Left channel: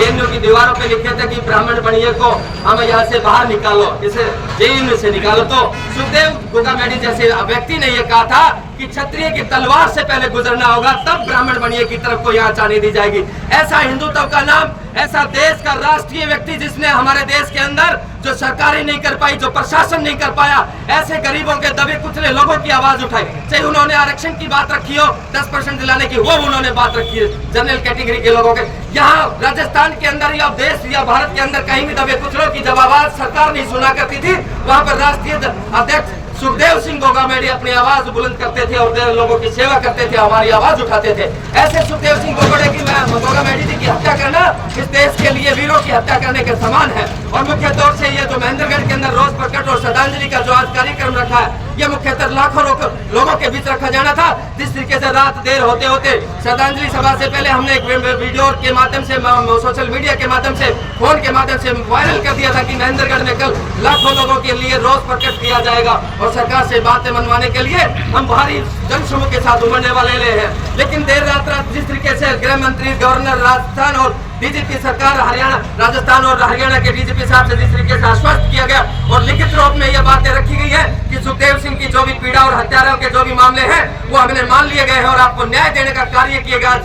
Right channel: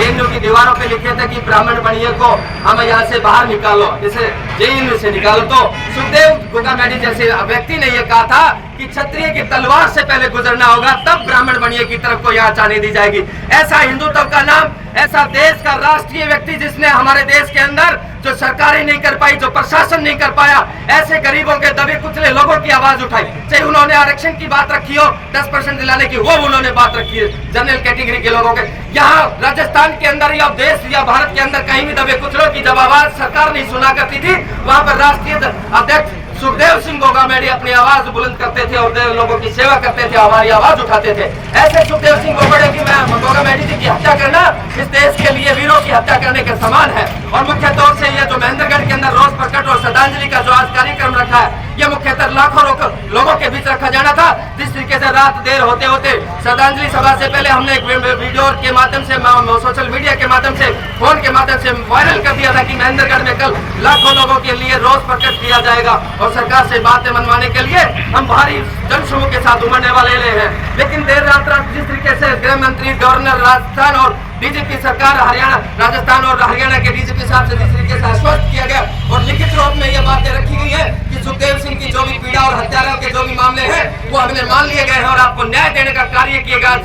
JNU की दीवारों पे लिखे थे कि ब्राह्मण बनिए को हमें यहाँ से बाहर निकालो, इसे जेएनयू से निकालो। तो सुखदेव गोगामेडी जैसे व्यक्ति ने ये कहा था कि क्षत्रिय की तलवार से पहले गुजरना होगा, तब ब्राह्मण बनिए की तरफ को यहाँ जाने दी जाएगी। ऐसा हिंदुत्व का नाम, ऐसा देश का राष्ट्रीय व्यक्ति जिसने हमारे देश के अंदर जो सरकारें नहीं कर पाई, जो प्रशासन नहीं कर पाया, ऐसे गरीबों के दबे कुचले लोगों की आवाज उठाई। चाहे उन्होंने आरक्षण की बात रखी हो, 10% दिलाने की, वो उन्होंने बात रखी है जनरल कैटेगरी के लोगों के। यहाँ राजस्थान के अंदर या देश या भारत के अंदर कहीं भी दबे कुचलों की जब आवाज सरकार नहीं सुना करती थी, वहां पर राष्ट्रीय अध्यक्ष सुखदेव सिंह गोगामेडी अपनी आवाज बुलंद करते थे और लोगों की सेवा करते थे, हमारी आवाज उठाते थे। ऐसे सुखदेव सिंह गोगामेडी जी की हत्या करना इस देश के लिए वीरों की हत्या करने के समान है। और मुख्य तौर से ये जो महेंद्रगढ़ के अंदर रोज प्रकट और श्रद्धांजलि का जो आज कार्यक्रम रखा है, ये मुख्यतः लाखों लोगों के बीच रखा जाना था। जिस तरीके से रात देर होते होते श्रद्धांजलि सभा से पहले हमने एक वीडियो के माध्यम से, सोशल मीडिया के माध्यम से, फोन के माध्यम से वायरल कर दिया था कि महेंद्रगढ़ में कल लाखों लोगों के लिए रोज प्रकट किया जाएगा और सरकार से बातें मनवाने के लिए हम भारी जनसमूह के साथ उमड़ने वाले हैं। लेकिन देर रात जिस तरीके से गृह मंत्री, गवर्नर राजस्थान और डीजीपी सरकार हरियाणा, राजस्थान और हरियाणा के डीजीपी साहब से जिस तरीके से आश्वस्त किया गया और लिखित रूप में ये बातें रखी गई है कि सुखदेव सिंह की जो भी पीड़ा और हत्यारों के जो भी मामले हैं वो हमने मान लिए गए हैं और आपको न्याय देने का कार्य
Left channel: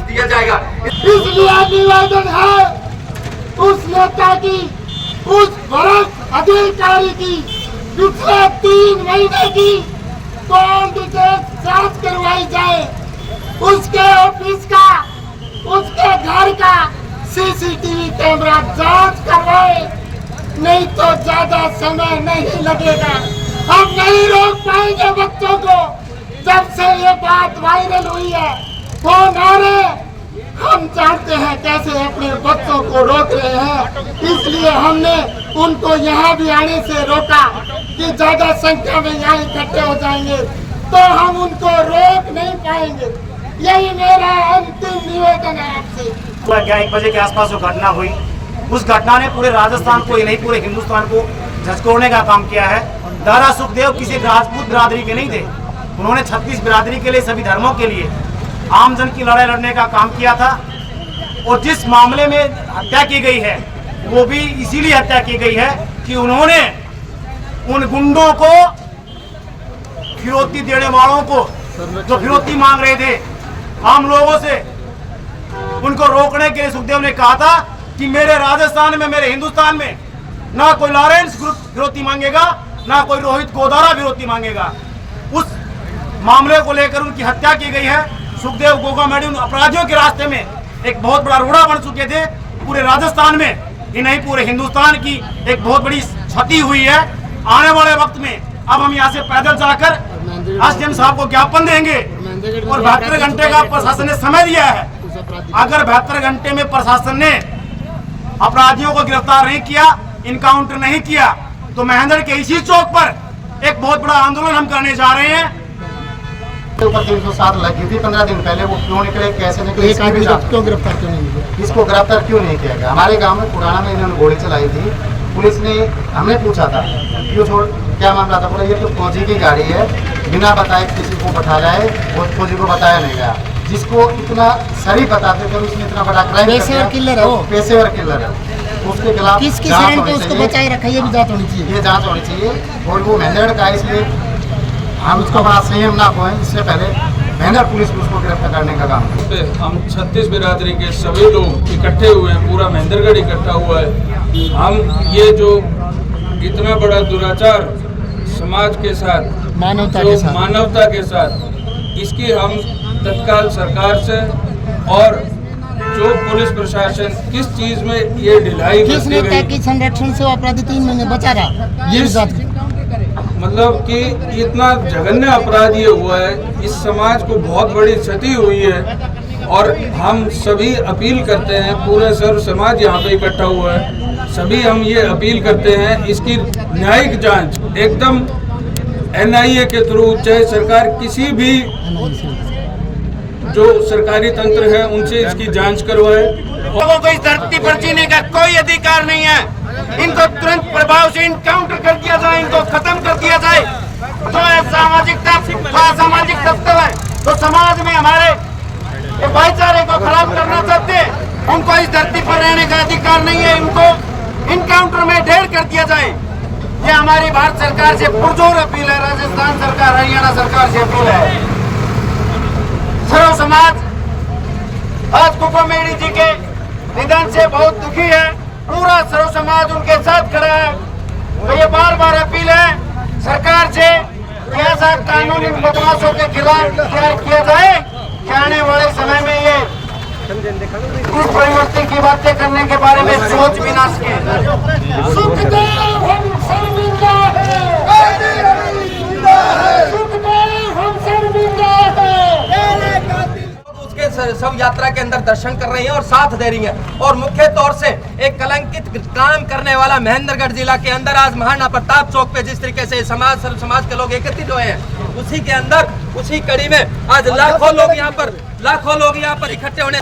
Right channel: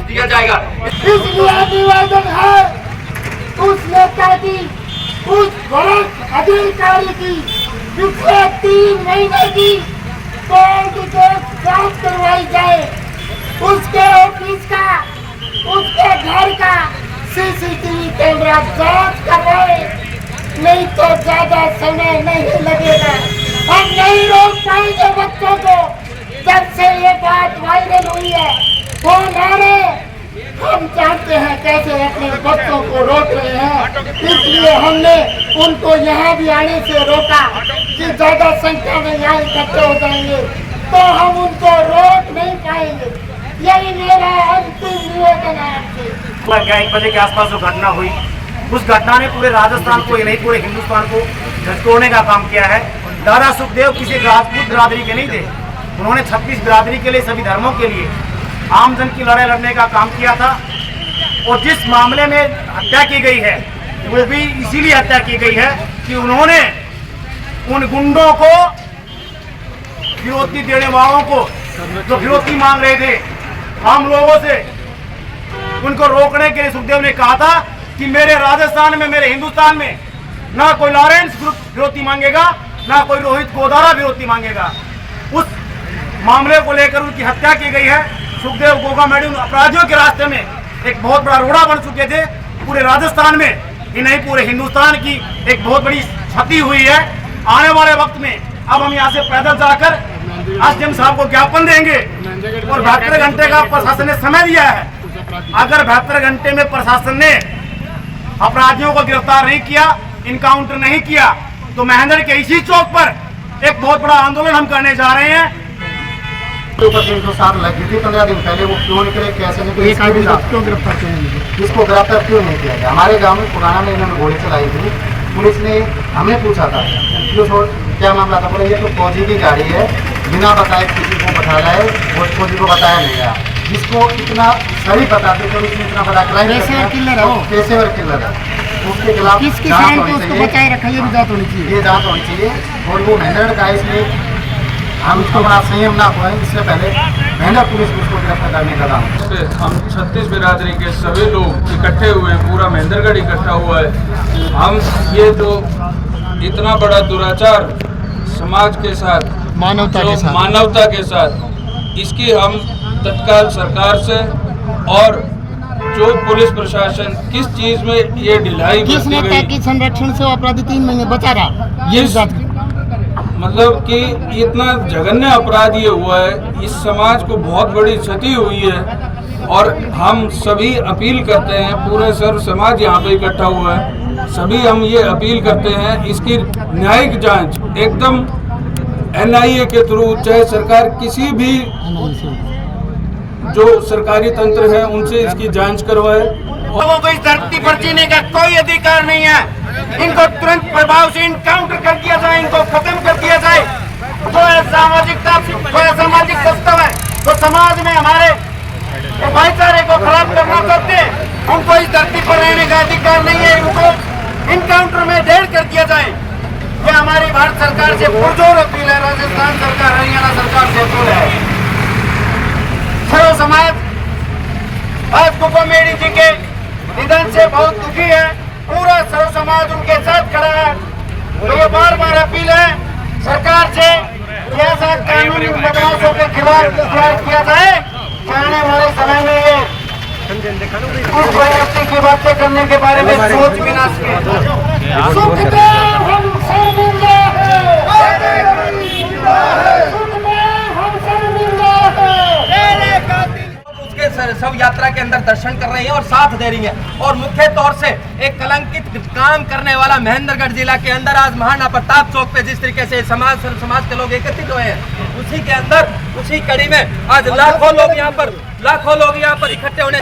दिया जाएगा। इसलिए निवेदन है उस नेता की, उस वरिष्ठ अधिकारी की पिछले 3 महीने की कोर्ट जांच करवाई जाए, उसके ऑफिस का, उसके घर का सीसीटीवी कैमरा जांच करवाए, नहीं तो ज्यादा समय नहीं लगेगा। हम नहीं रोक पाएंगे बच्चों को। जब से ये बात वायरल हुई है, फोन आ रहे, हम जानते हैं कैसे अपने बच्चों को रोक रहे हैं। इसलिए हमने उनको यहाँ भी आने से रोका कि ज्यादा संख्या में यहाँ इकट्ठे हो जाएंगे तो हम उनको रोक नहीं पाएंगे। यही मेरा अंतिम निवेदन है आपसे। 1 बजे के आसपास जो घटना हुई, उस घटना ने पूरे राजस्थान को, नहीं पूरे हिंदुस्तान को झकझोरने का काम किया है। दादा सुखदेव किसी राजपूत बिरादरी के नहीं थे, उन्होंने 36 बिरादरी के लिए, सभी धर्मों के लिए आमजन की लड़ाई लड़ने का काम किया था। और जिस मामले में हत्या की गई है वो भी इसीलिए हत्या की गई है कि उन्होंने उन गुंडों को, फिरौती देने वालों को, जो फिरौती मांग रहे थे आम लोगों से, उनको रोकने के लिए सुखदेव ने कहा था कि मेरे राजस्थान में, मेरे हिंदुस्तान में ना कोई लॉरेंस ग्रुप फिरौती मांगेगा, ना कोई रोहित गोदारा फिरौती मांगेगा। उस मामले को लेकर उनकी हत्या की गई है। सुखदेव गोगामेडी उन अपराधियों के रास्ते में एक बहुत बड़ा रोड़ा बन चुके थे। पूरे राजस्थान में ही नहीं, पूरे हिंदुस्तान की एक बहुत बड़ी क्षति हुई है। आने वाले वक्त में अब हम यहाँ से पैदल जाकर एसडीएम साहब को ज्ञापन देंगे और 72 घंटे का प्रशासन ने समय दिया है। अगर 72 घंटे में प्रशासन ने अपराधियों को गिरफ्तार नहीं किया, इनकाउंटर नहीं किया, तो महेंद्र के इसी चौक पर एक बहुत बड़ा आंदोलन हम करने जा रहे हैं। ऊपर 307 लगी थी 15 दिन पहले, वो क्यों निकले, कैसे निकले, क्यों गिरफ्तार किया? इसको गिरफ्तार क्यों नहीं किया गया? हमारे गांव में पुराना में इन्होंने गोली चलाई थी। पुलिस ने हमें पूछा था क्यों छोड़, क्या मामला था? बोले ये तो फौजी की गाड़ी है, बिना बताए किसी को बता रहा है, और फौजी को बताया नहीं गया। जिसको इतना सही बताते थे उसने इतना बड़ा क्राइम किलर है, पैसे और किलर है, उसके खिलाफ किसकी शरण पे उसको बचाए रखा, ये भी जांच होनी चाहिए। ये जांच होनी चाहिए। और वो महेंद्रगढ़ का, इसलिए हम इसको बड़ा संयम ना खोएं, इससे पहले महेंद्र पुलिस को उसको गिरफ्तार करने का काम। हम 36 बिरादरी के सभी लोग इकट्ठे हुए हैं, पूरा महेंद्रगढ़ इकट्ठा हुआ है। हम ये जो इतना बड़ा दुराचार समाज के साथ, मानवता के साथ, इसकी हम तत्काल सरकार से और जो पुलिस प्रशासन किस चीज में ये ढिलाई किसने की संरक्षण से अपराधी 3 महीने बचा रहा, ये मतलब कि इतना जघन्य अपराध ये हुआ है, इस समाज को बहुत बड़ी क्षति हुई है। और हम सभी अपील करते हैं, पूरे सर्व समाज यहाँ पे इकट्ठा हुआ है, सभी हम ये अपील करते हैं इसकी न्यायिक जांच एकदम NIA के थ्रू, चाहे सरकार किसी भी जो सरकारी तंत्र है उनसे इसकी जांच करवाए। लोगों को इस धरती पर जीने का कोई अधिकार नहीं है। इनको तुरंत प्रभाव से इनकाउंटर कर दिया जाए, इनको खत्म कर दिया जाए। तो असामाजिक तत्व है तो समाज में हमारे भाईचारे को खराब करना चाहते हैं। उनको इस धरती पर रहने का अधिकार नहीं है, इनको इनकाउंटर में ढेर कर दिया जाए। ये हमारी भारत सरकार से पुरजोर अपील है, राजस्थान सरकार, हरियाणा सरकार से अपील है। सर्व समाज आज कुकामेडी जी के निधन से बहुत दुखी है। पूरा सर्व समाज उनके साथ खड़ा है। तो ये बार बार अपील है सरकार से कि ऐसा कानून इन बदमाशों के खिलाफ तैयार किया जाए कि आने वाले समय में ये कुछ परिवर्तन की बातें करने के बारे में सोच विना सके। सुखदेव हम शर्मिंदा है, सुखदेव हम शर्मिंदा है। उसके सब यात्रा के अंदर दर्शन कर रही हैं और साथ दे रही हैं। और मुख्य तौर से एक कलंकित काम करने वाला महेंद्रगढ़ जिला के अंदर आज महाराणा प्रताप चौक पे जिस तरीके से समाज के लोग एकत्रित हुए हैं, उसी के अंदर उसी कड़ी में आज लाखों लोग यहाँ पर इकट्ठे होने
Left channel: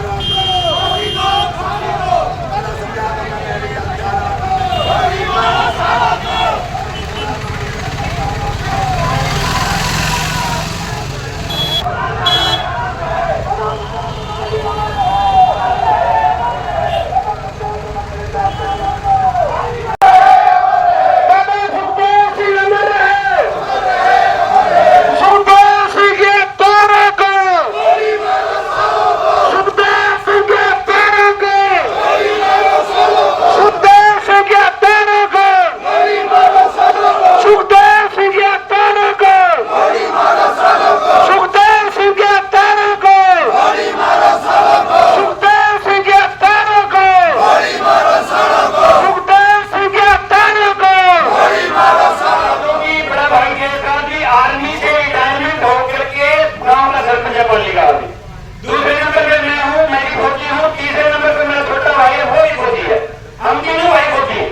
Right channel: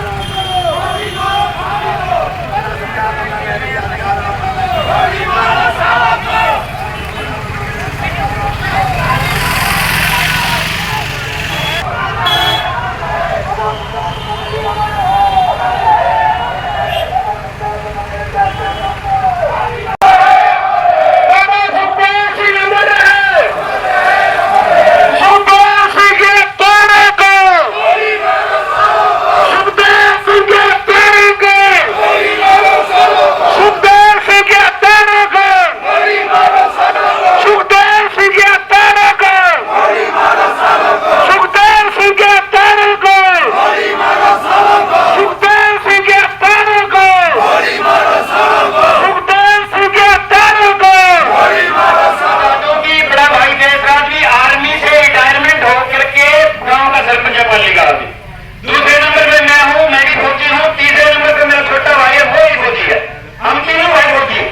दूसरे नंबर पे मैं हूँ, मैं भी फौजी हूँ। तीसरे नंबर पे मेरा छोटा भाई है, वो भी फौजी है। हम तीनों भाई फौजी हैं।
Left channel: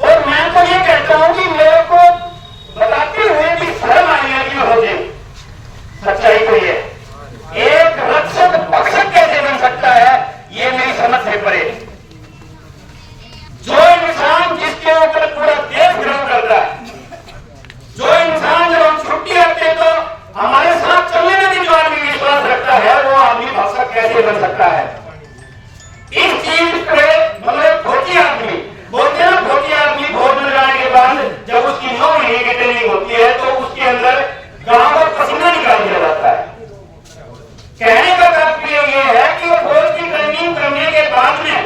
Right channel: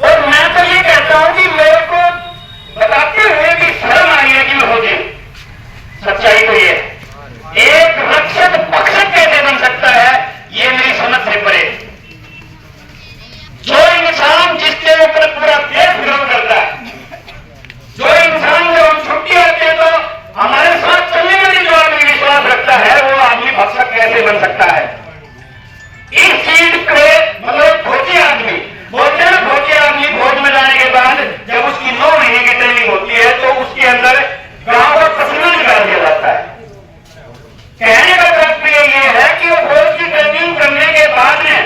और मैं तो ये कहता हूँ कि मेरे को बताते हुए भी शर्म आ रही है कि मैं फौजी हूँ। सच्चाई तो ये एक रक्षक पक्षक कैसे बन सकता है, ये मेरी समझ से परे। जो इंसान जिसके ऊपर पूरा देश गर्व करता है, जो इंसान जब हम छुट्टी आते हैं तो हमारे साथ चलने में जो आदमी विश्वास रखता है, वो आदमी भक्षक कैसे बन सकता है। इस चीज पे मतलब फौजी आदमी बोलते हैं, फौजी आदमी फौज में जाने के बाद जब उसकी 9 महीने की ट्रेनिंग होती है तो उसके अंदर गांव का पसीना निकाल दिया जाता है। कहने का तात्पर्य ये है कि वो फौज की ट्रेनिंग करने के बाद में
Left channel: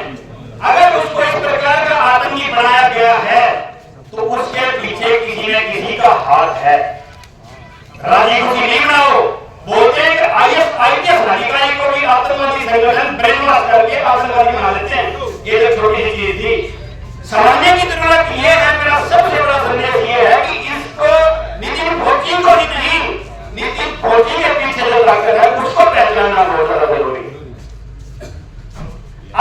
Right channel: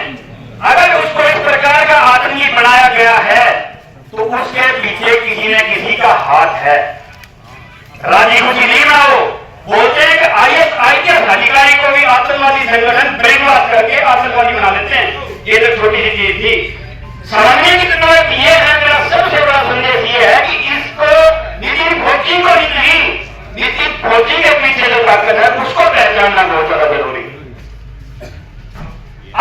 अगर उसको इस प्रकार का आतंकी बनाया गया है तो उसके पीछे किसी न किसी का हाथ है। राजी खुशी नहीं बनाओ। बोलते हैं कि IAS अधिकारी को भी आतंकवादी संगठन ब्रेन वॉश करके आतंकवादी बना लेते हैं। ये तो छोटी सी चीज थी। समझने की जरूरत यह है, मेरा सबसे बड़ा संदेश ये है कि इसको नितिन फौजी को ही नहीं, नितिन फौजी के पीछे जो ताकत है उसको पहचानना बहुत ज्यादा जरूरी है।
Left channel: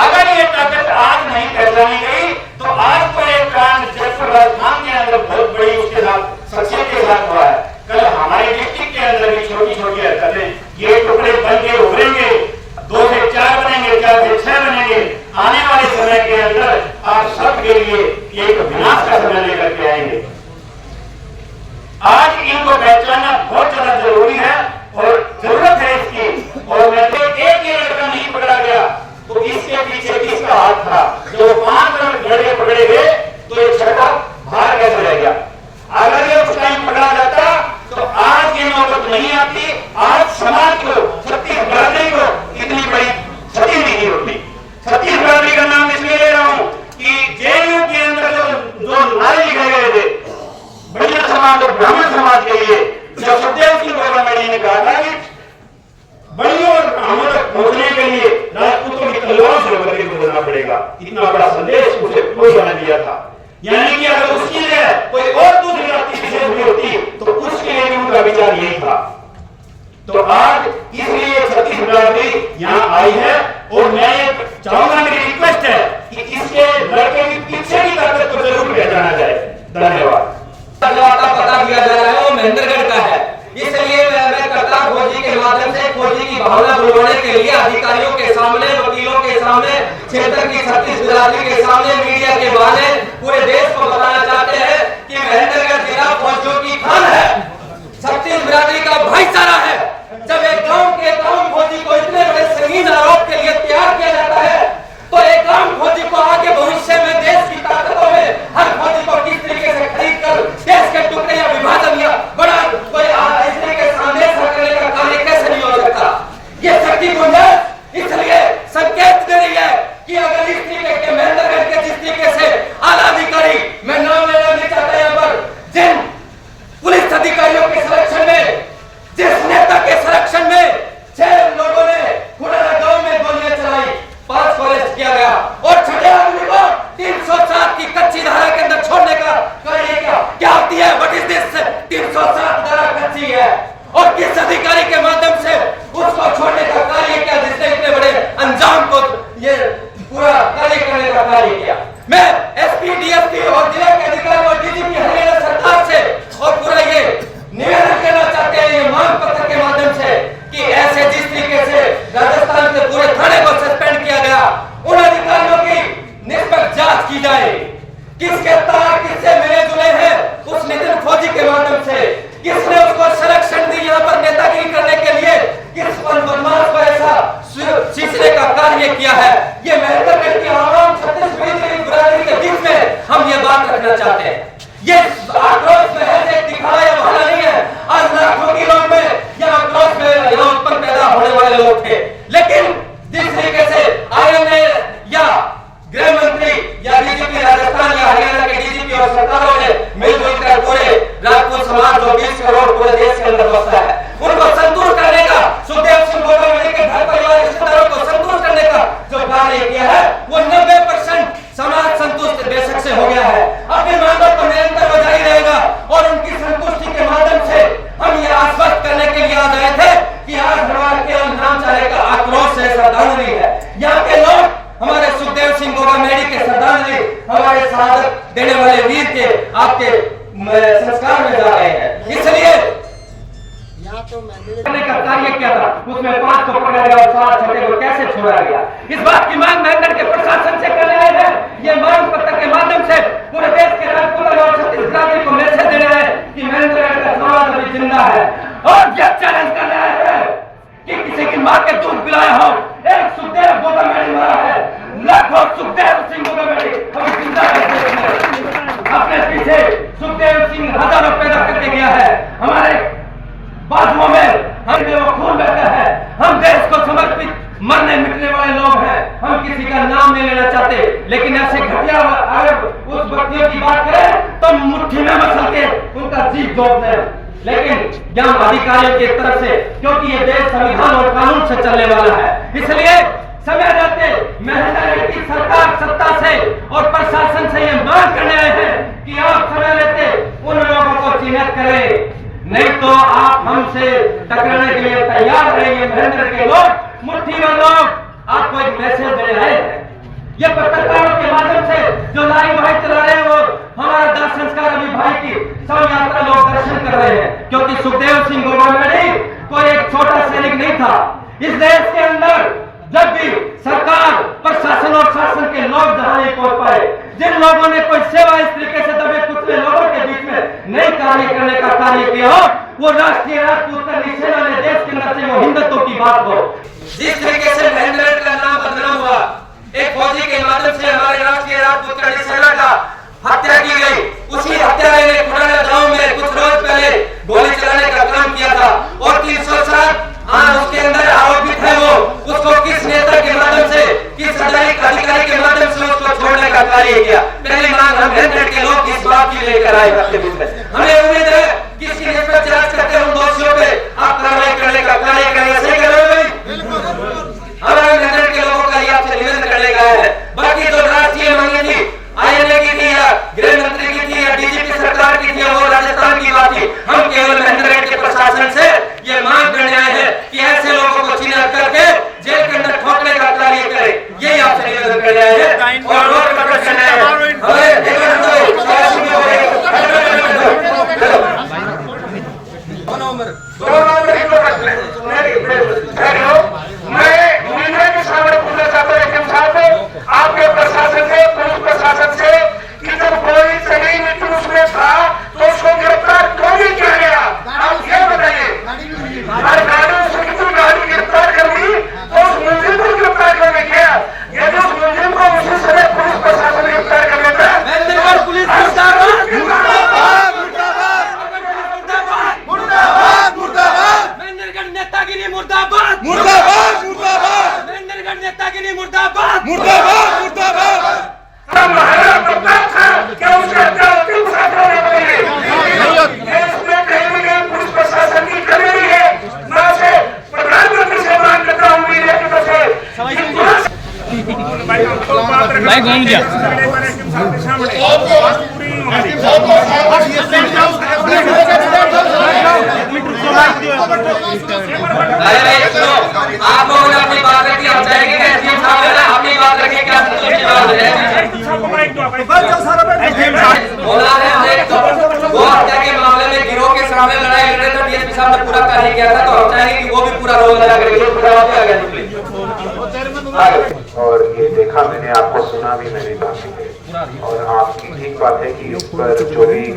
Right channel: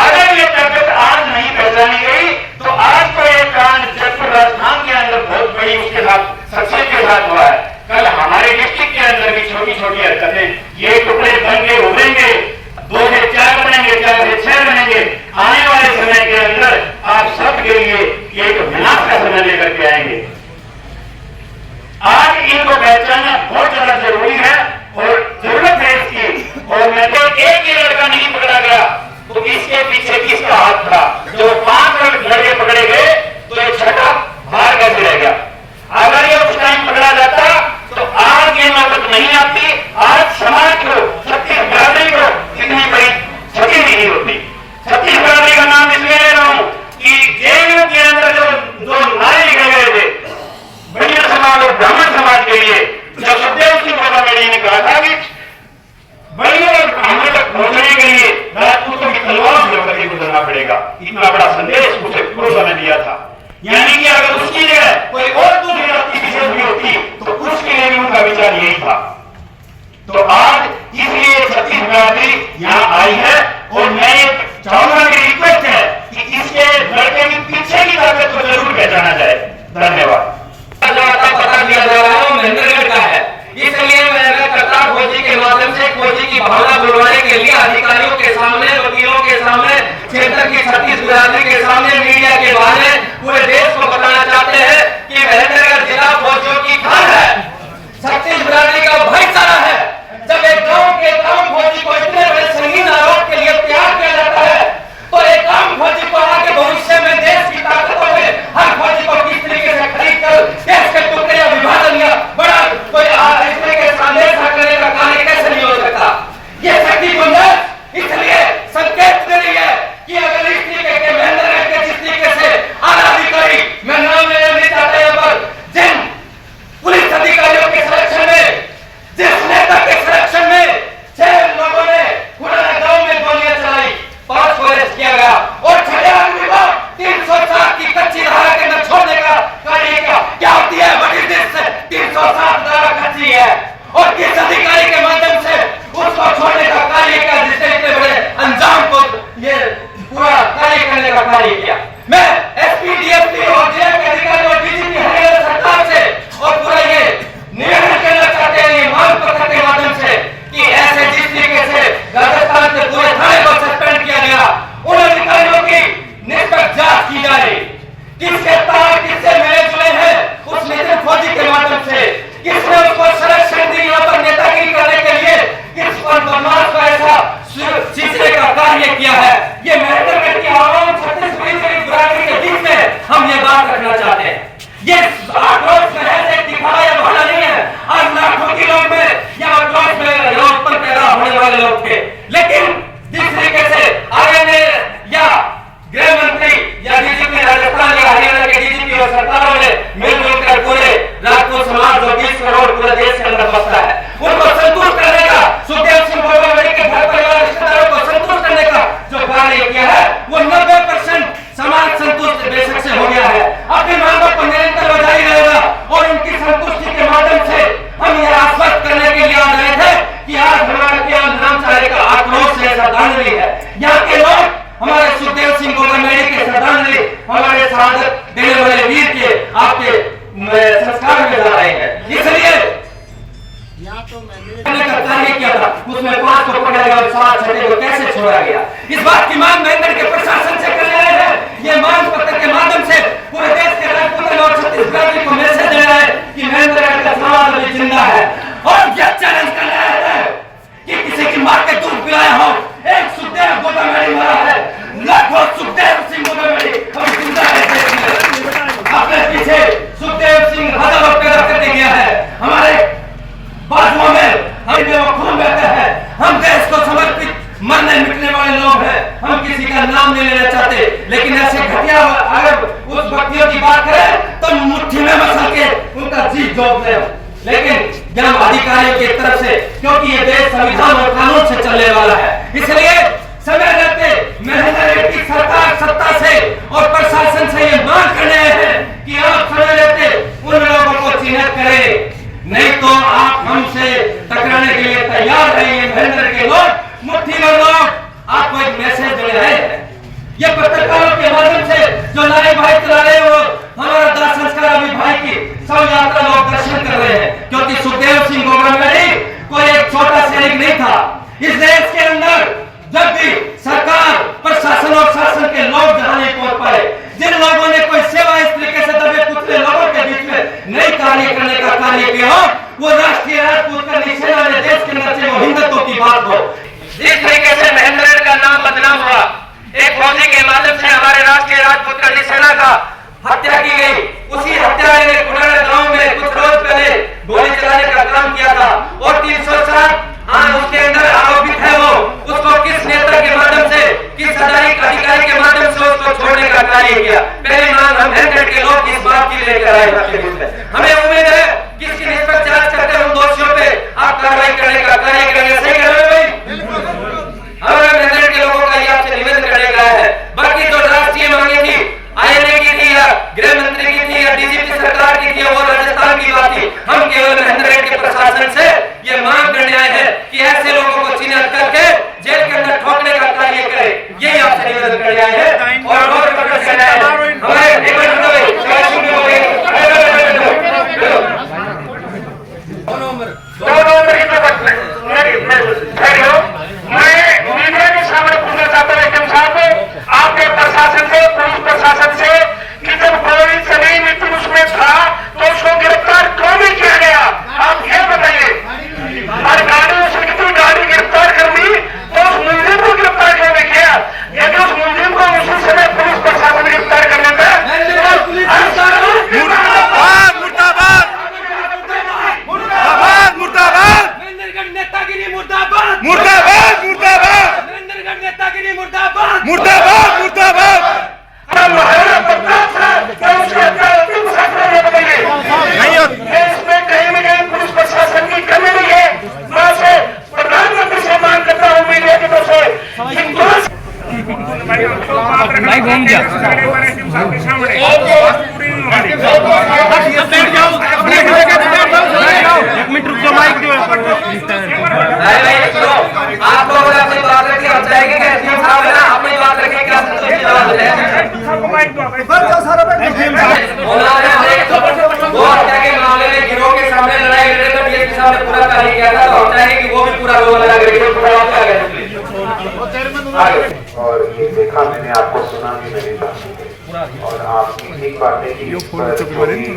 अगर ये ताकत आज नहीं पहचानी गई तो आज तो एक कांड जयपुर राजस्थान के अंदर बहुत बड़ी उसके साथ शख्सियत के साथ हुआ है। कल हमारे डिस्ट्रिक्ट के अंदर भी छोटी छोटी हरकतें, ये टुकड़े बन के उभरेंगे, 2 से 4 बनेंगे, 4 से 6 बनेंगे। आने वाले समय के अंदर आप सबके लिए एक विनाश का समय लेकर के आएंगे। आज इनको पहचानना बहुत ज्यादा जरूरी है और जरूरत है इसकी। और मैं एक ही लड़का नहीं पकड़ा गया तो इसके पीछे किसका हाथ था। जो 5 लड़के पकड़े गए तो ये 6ठा बाहर कैसे रह गया। अगर ये उस टाइम पकड़ा जाता तो आज ये नौबत नहीं आती। आज समाज को, छत्तीस बिरादरी को इतनी बड़ी क्षति नहीं होती। छत्तीस बिरादरी का नाम इसलिए ले रहा हूं कि JNU के अंदर जो नारे लिखे गए थे बढ़िया समाज और ब्राह्मण समाज के लिए, जब सुखदेव सिंह गोगामेडी ने कहा था कि बढ़िया हमने तक पहुंचने के लिए राजपूतों की तलवार से होकर के गुजरना पड़ेगा, इतना बड़ा संदेश उसे पूर्व ने दिया था। यानी कि अगर उसकी जगह कोई और दूसरी जाति विशेष भी होती तो उसके लिए भी उनका विचार यही था। तो आज इसलिए छत्तीस बिरादरी यहाँ आई है और मैं चाहूंगा कि रिक्वेस्ट है कि इसके लड़के के पीछे की ताकत को जरूर पहचाना जाए। धन्यवाद। पता किया जा रहा है वो महेंद्रगढ़ का है, इसलिए मैं करता फौजी के माध्यम से फौजी की भावना बुलवाने के लिए अधिकारियों के सामने, वकीलों के सामने, क्षेत्र की छत्तीस बिरादरी के सामने, मीडिया के बाहर पूरे देश को बताना चाहते हैं कि महेंद्रगढ़ जिला फौजियों की खान है, छत्तीस बिरादरी का भाईचारा है। जब एक गांव के गांव फौजी को इतने बड़े संगीन आरोप के लिए तैयार किया जाता है देश के टुकड़े या विभाजन या बड़ा कोई इसलिए के सामने करने का कार्य कैसे नहीं हो सकता? ये शक्ति गुंजाइश इसलिए संकेत दे रही है कि अगर इस तरीके के महेंद्रगढ़ के जिस तरीके से आला अधिकारी, मैं नाम लेना नहीं चाहता यहाँ पर, जिन पुलिस अधिकारियों के संरक्षण में, जिस नेता के संरक्षण में 6 लोगों ने खुराना गांव में गोलियां चलाई, 5 को अरेस्ट किया गया और छठे आदमी को 307 की कच्ची धारा के अंदर छोड़ने का कार्य किया। क्या होती है? What is this? 307 धारा कच्ची है और किस अधिकारी के माध्यम से उसको छोड़ने का कार्य किया जिसने इतने बड़े अंजाम को ये पूरा कार्य करने का कार्य किया? मैं एसपी, डीएसपी और जिला के अधिकारी और डीजीपी हरियाणा सरकार से और पूरा ये निवेदन करना चाहते हैं, ये मांग पत्र के माध्यम से, कि ऐसे जिस तरीके से राजस्थान के पूरे थाने को सस्पेंड किया गया, उन अधिकारियों की निष्पक्ष जांच की जाए। किसके तार किससे मिले जुले हैं उस नितिन फौजी के माध्यम से, किसने उसको संरक्षण दी यहाँ पर नेतागिरी करने के लिए, किस पर बदमाश को ऐसा सींचने का कार्य किया है? ये महेंद्रगढ़ की आवाम छत्तीसगढ़ी बिरादरी के बीच में हम ये बात रखना चाहते हैं। ये आक्रोश महज एक दिखावा या बहाना नहीं है। आज लाखों के लोग में यह आक्रोश में उत्पन्न पैदा होने वाले लोग थे, लेकिन जिस तरीके से आईएनए या गृह मंत्री या डीजीपी राजस्थान या हरियाणा के डीजीपी और सरकारों ने मिलजुल कर पूरे राजपूत समाज जो 20 करोड़ पूरे देश के अंदर बसता है, उनको संतुष्ट करने का, सुखदेव सिंह गोगामेडी के घर परिवार रिश्तेदारों को संतुष्ट करने का जो कार्य किया है, वो 90% समाज संतुष्ट बेशक से हो गया है। अपनी मांगों को निरंतर जारी रहेगा और उनकी संतुष्टि के माध्यम से हम ये आश्वस्त करने के लिए आ गए थे कि आज हमारा केवल नाम चाहे का आक्रोश से श्रद्धांजलि है। यहाँ के लोग हमारे सुखदेव सिंह गोगामेडी के श्रद्धांजलि, हमारे शहादत देने वाले वीर के आपके संस्कार में जा रहे हैं। इसलिए का कार्य किया था, उसमें 5 को पकड़ा गया और 7 छठे को कैसे छोड़ा गया? इस बात की मांग महेंद्रगढ़ के प्रशासन से करने आए हैं। ये मांग पत्र के माध्यम से पूरे देश के राजपूत और छत्तीसगढ़ी को मैसेज दे रहा है कि महेंद्रगढ़ का समाज अभी जिंदा है और यह चैलेंज कर रहा है कि किसी की मां के दूध पिलाया हो। एक सुखदेव गोगामेडी मरा है, लाखों सुखदेव सिंह गोगामेडी हम जिंदा है। अपने पीछे सुखदेव सिंह हजारों पैदा करके गया है, हमारे बाजुओं में हमें वो खून बहता है। हम देश को समर्पित मरने मिटने वाले लोग हैं, हम किसी का नाम नहीं लेना चाहते, लेकिन ऐसे घटिया अगर उस व्यक्तियों की बात करें तो मुट्ठी में मसल के उनका जी जोत ले। लेकिन यहाँ अधिकारियों की तरफ से, क्योंकि ये देश संविधान और कानून से चलने वाला है, इसलिए समय रहते महेंद्रगढ़ की सरकार सत्ता से और प्रशासन से ये मांग करने आए हैं कि आप समय रहते उन लोगों को चिन्हित करें, नहीं तो आप हमसे टकराने के लिए तैयार रहिए। महेंद्र के लोग, मुट्ठी में लोग आपको एक मैसेज दे रहे हैं। ये पत्रकारों के माध्यम से जो लाइव भाई चला रहे हैं, वो हमारा दाह संस्कार अभी भाई की सब यात्रा लोग दर्शन कर रहे हैं, क्योंकि सुखदेव सिंह गोगामेडी कोई एक छोटा सैनिक नहीं था। इस देश के अंदर जब भी सरकार, प्रशासन और शासन के लोग जहां नहीं पहुंच पाए, जिन लोगों ने कोई सेवा इस तरीके से दबे कुचले लोगों के बीच में नई कार्य करने का कार्य किया हो, वो राष्ट्रीय राजपूत करनी सेना ने देश के अंदर से वो हिंदुत्व की बात हो। जिस तरीके से महेंद्रगढ़ का नाम बदनाम हुआ, एक फौजी के माध्यम से हमारे राष्ट्रीय राजपूत करनी सेना का हत्या की गई, उसी हत्या ने खुराना गांव में कुछ रोज पहले गोली चलाने का काम किया था और 307 उसके अंदर आरोपित है वो, उसको किस नेता के माध्यम से, किस अधिकारी के माध्यम से उसको छोड़ने का कार्य किया? पहली मांग हम महेंद्रगढ़ के लोग इस बात की लेकर आए। हमें उम्मीद है कि इसकी निष्पक्ष जांच करके उन दोषियों पे आप कार्रवाई करने का कार्य करेंगे। सही कह रहे हो भाई? हमारे महेंद्रगढ़ के लोगों का ये आपसे निवेदन करने का है। बाकी जो राष्ट्रीय मांगे थी, आईएनए की थी या गृह मंत्री की थी या डीजीपी सरकार की थी, वो राजस्थान की बात थी। हम केवल महेंद्रगढ़ के प्रशासन से ये मांग करने आए हैं कि ऐसे लोगों को चिन्हित करके जेल के अंदर ठोकने का कार्य करें। यही आपसे निवेदन करने आए हैं और रोज प्रदर्शन आए हैं। आपके प्रशासन से, पुलिस प्रशासन से कि जब गोली चली मित्र उसमें था तो उसको गिरफ्तार क्यों नहीं किया गया? आप क्या बताइए? हर गाड़ी से कितनी गाड़ी गिरफ्तार कर दी तो उस मुलजिम को गिरफ्तार क्यों नहीं किया? यदि उस मुलजिम को की मुर्दाबाद मुर्दाबाद मुर्दाबाद। नहीं होती। पुलिस प्रशासन की कमी नहीं है। मैं से प्रधानमंत्री से मांग करता हूँ मीडिया की तरफ से भाई घूम गया। आप लोगों ने अपनी बात रखी, हम चाहेंगे कि एसपी साहब है ना अपनी बात रखें, क्या संतोष की बात है। वो हत्या के मामले में गिरोह के सामने लड़ाई लड़ रहे थे, डीएसपी साहब ने पूरा कार्य किया था, तो हम चाहेंगे कि वो भी पूरा रोल अदा करेंगे। और ये देखा मैंने, आपको सुना भी मेरी बात, और आपकी ठीक बात है कि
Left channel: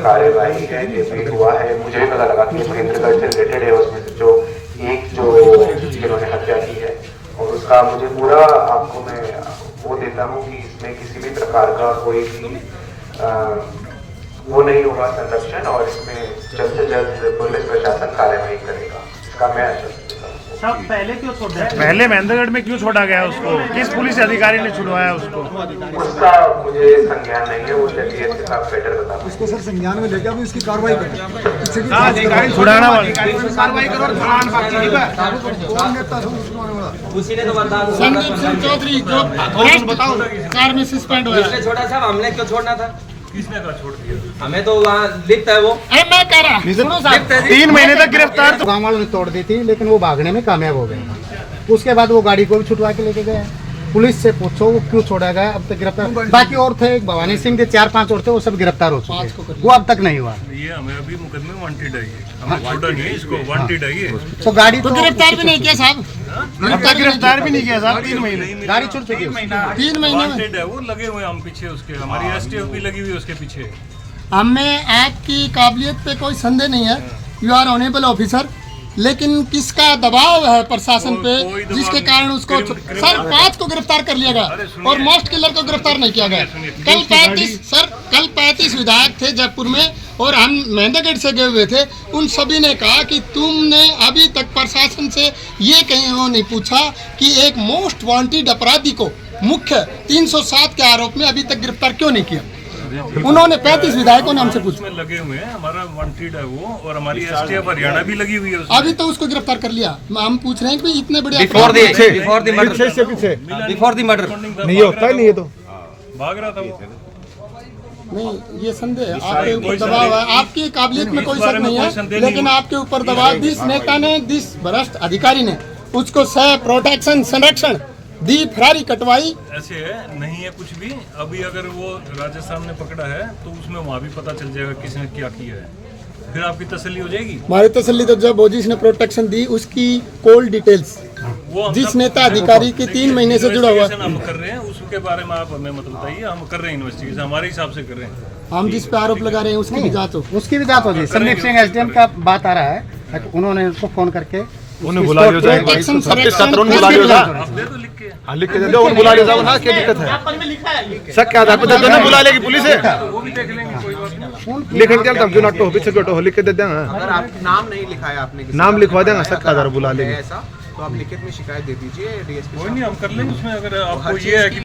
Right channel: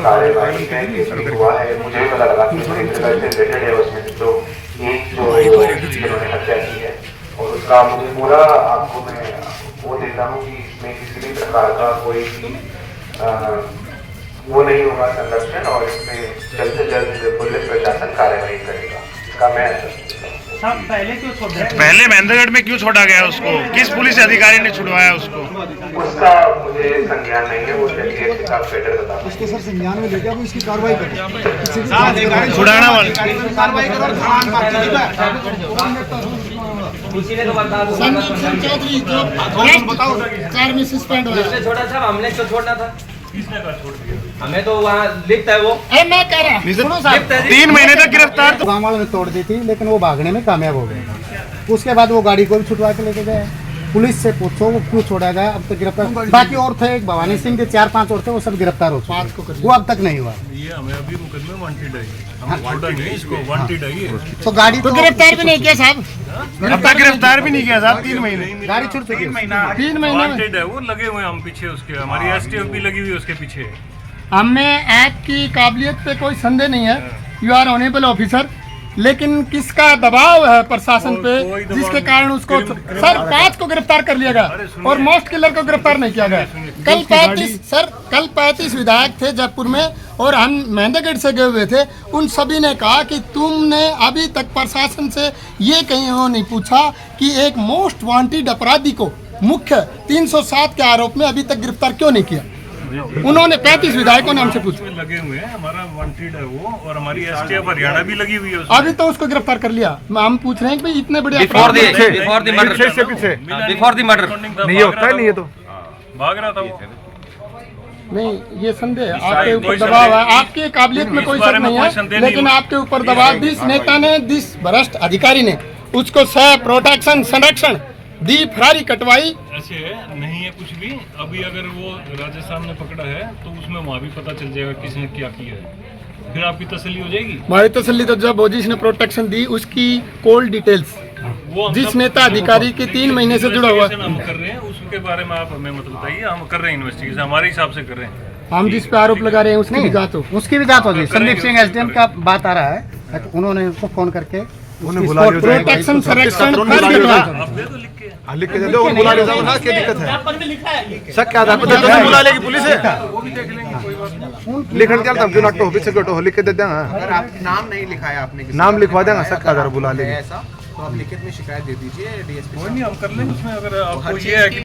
कार्यवाही में हुआ है। मुझे भी पता लगा कि से रिलेटेड है उसमें जो जिन्होंने हत्या की है, और उसका मुझे पूरा आपको मैं वो देता हूँ कि इसमें किसी भी प्रकार का कोई भी वो नहीं होगा संरक्षण, और इसमें जल्द से जल्द पुलिस प्रशासन कार्यवाही करेगा, इसका मैं पहले क्यों छोड़ दिया? पहले महेंद्रगढ़ में क्यों छोड़ा गया उसको? किस पुलिस अधिकारी ने छुड़वाया उसको? उसका मुझे संज्ञान नहीं है, वो डीएसपी साहब बेटर बता। इसको सर संज्ञान में लेके अब इसकी कार्रवाई करें। छुड़ाना वाले कार्रवाई उसी ने तो वरदान संदीप सिंह चौधरी जो बताओ कार में सस्पेंड हुआ है। छोड़ा साहब, हमने क्यों छोड़ना था? किसने कहा छोड़ दिया? हमें तो वहाँ लिखता है वो। मैं कह रहा सुनो साहब, 3 महीने तक गिरफ्तार। गाँव वालों ने तोड़ दी थी, लेकिन वो भागने में कामयाब हो गए। उसके बाद वो गाड़ी को भी छुटवा के लेके गए। पुलिस से पूछो वो क्यों छोड़ा गया, अब तक गिरफ्तार। बाकी और थे, एक भवानी सिंह थे, 4-5 और थे, वो सब गिरफ्तार हो चुके, वो अब तक नहीं हुआ। ये हमें अभी मुकदमे वांटेड है, हमने छोड़ा नहीं है इसको, वांटेड है ये। तो गाड़ी तो गिरफ्तार भी नहीं किया साहब, अब तक गिरफ्तार भी नहीं किया साहब। 3 महीने गाड़ी छूट चुकी है। 3 महीने में। वांटेड है वो, लगे हुए हम पीछे उसके, हमारी एसटीएफ भी लगी हुई है उसके पीछे। हमें आपकी काबिलियत पे कोई संदेह नहीं है, यू आर ऑनेबल ऑफिसर, लेकिन किसका दबाव है प्रशासन पे कोई दबाव जिसके नहीं। कारण उसको सर 5 को गिरफ्तार कर लिया गया और मोस्ट किलर को गिरफ्तार नहीं किया गया। कल 35 विधायक थे जयपुर में और हम महेंद्रगढ़ से गए हुए थे, उन सभी ने कहा कि तुमने अभी तक प्रशासन से ये कहीं नहीं पूछा कि एक मोस्ट वांटेड अपराधी को मुख्य 307 के आरोप में अभी तक गिरफ्तार क्यों नहीं किया। उन्होंने 35 विधायकों ने हमसे पूछा। लगे हुए हैं, हमारा वांटेड है वो, और हमारी एसटीएफ हरियाणा भी लगी हुई है उसमें। अभी तो उसको गिरफ्तार कर लिया। हम पूछ रहे हैं कि इतने बड़े बिफोर द मर्डर नहीं होता नहीं, ये तो भाग रहा था वो। नहीं, ये संदेह है आपके ऊपर दबाव है, आपकी काबिलियत में कोई शक नहीं है, लेकिन आपके ऊपर दबाव जिस नेता ने, जिस भ्रष्ट अधिकारी ने उसको प्रोटेक्शन संरक्षण दी, फरारी कटवाई। ऐसे है नहीं है कुछ भी। अभी अगर वो राजस्थान ने पकड़ा है तो उसमें वहाँ भी पता चल जाएगा किसने क्या किया है, फिर आपकी तसल्ली हो जाएगी। हमारी तसल्ली तो जब वो जिसने प्रोटेक्शन दी उसकी कोल डिटेल्स, वो जिस नेता अधिकारी के 3 महीने से जुड़ा हुआ, हम कर रहे हैं उसके बारे में आप हमें मत बताइए। हम कर रहे हैं इन्वेस्टिगेशन, हमारे हिसाब से कर रहे हैं। हम जिस पे आरोप लगा रहे हैं उसकी भी जांच हो, उसकी भी जांच होगी। संदीप सिंह एसडीएम का बात आ रहा है, उन्होंने उसको फोन करके प्रोटेक्शन संरक्षण आप दे दो लिख के। बुला ले जाओ ना, क्या दिक्कत है? सर क्या बुला लेगी पुलिस है, वो भी देख लेंगे, कोई बात नहीं। लिखन क्या तब जो तो ऑफिस से लिख के दे देंगे। अगर आप नाम नहीं लिखाया आपने किसी नाम का, लिखवा देना, अगर सर क्या बुला है लेगी। ऐसा तो आप लिखित में शिकायत दे दीजिए डीएसपी कोई साहब। नहीं, हम कर लेंगे उसमें। अगर हर आपको चीज़ ये है कि